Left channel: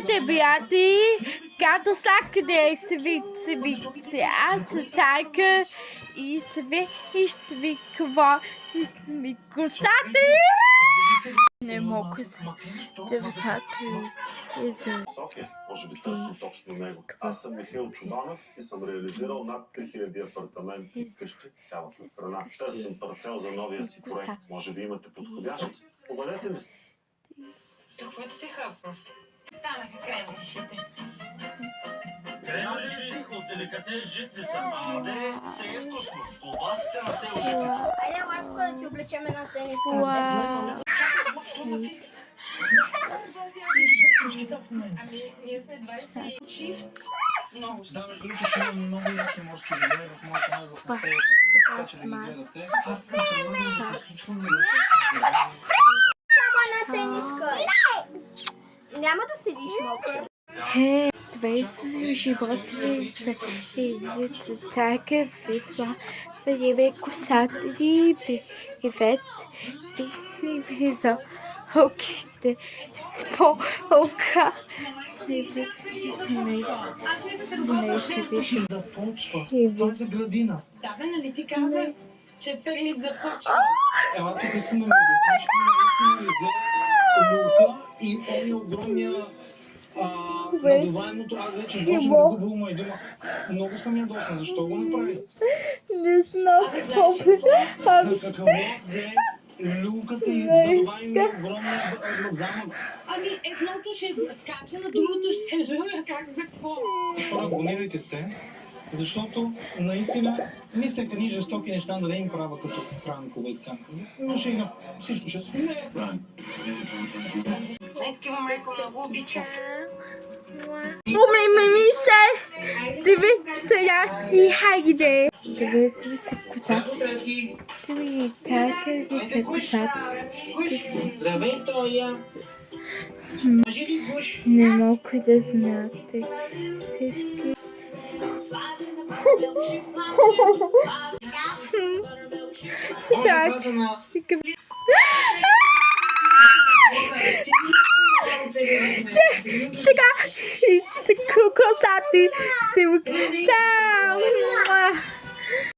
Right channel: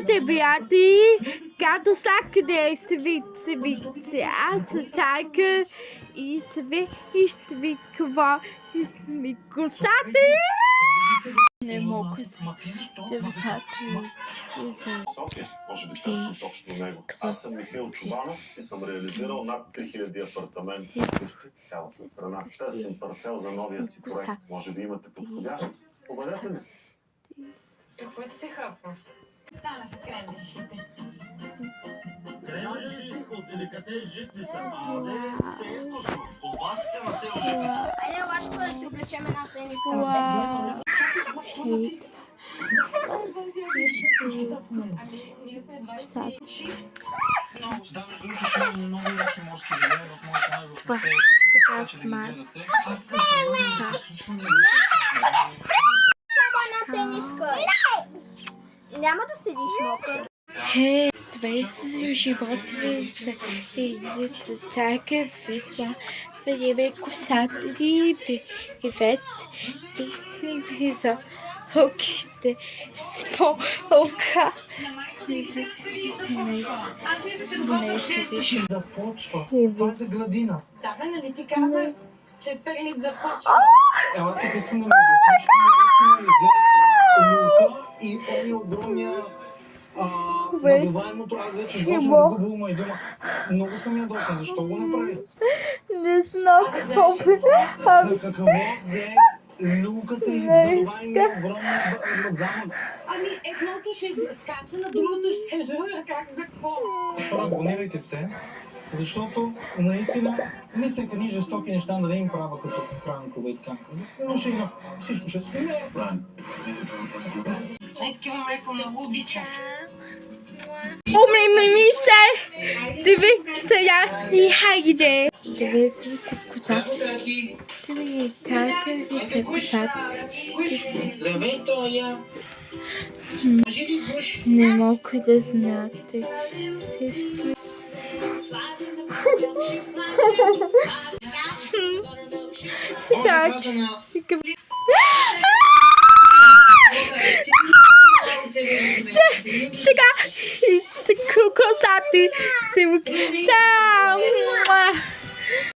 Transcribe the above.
Здравейте, приятели! Като сакъде се ви аз чайка и ще ви какво и ще ви косата. Не мога да висака и за Може би търсим точно него. Аз съм Михаил Чубанов и съм реализирал над 3000 апартамента в цялата страна. Търсим парцел за новия си проект. Може би имате подходящ. Обадете ми се. Какво да се хапва? Станаха кремвишите. Кремвиши от деликатес житница. Аде, се е вкусно. Колбасите на село житница. Айде, Лашко, да ти облечем една тениска. Ами, ние сме 26. Много. Да, между другото ще имам много яки морски видеа в моя канал в Мастейка. Така че да ги гледате. Аз съм Само една тениска. Няма да седиш мокър. това са животи за чайка висла. Вие косата ви привет. Ви за оките с по-ока. Аз мисля, че това ще започва. Това е градина. Да, бе, нали ти каза, че Перлит започва. Ела, тук искам да ми обясниш. Наистина взе лука и ония огромния надуваемото. Аз вече почвам да губя ума и дума. Много съм ядосан. Защо го направи? Не знам какво За какво взе люката и надуваемия огромния замък? Ами, едното ще скача, на другото ще се люля. Как за какво? Хора, абонирайте се, защото наистина мислех едни жестоки неща да не им правя като Франкове и така. Но шега, всичко ще се Най-такива майко не го обича. Ми се! Диви сега си хайде! Диви се коса. Диви чайка ви се косата. Здравей, Тоя! Не мога да знаете всички. Сега косати се. Чао!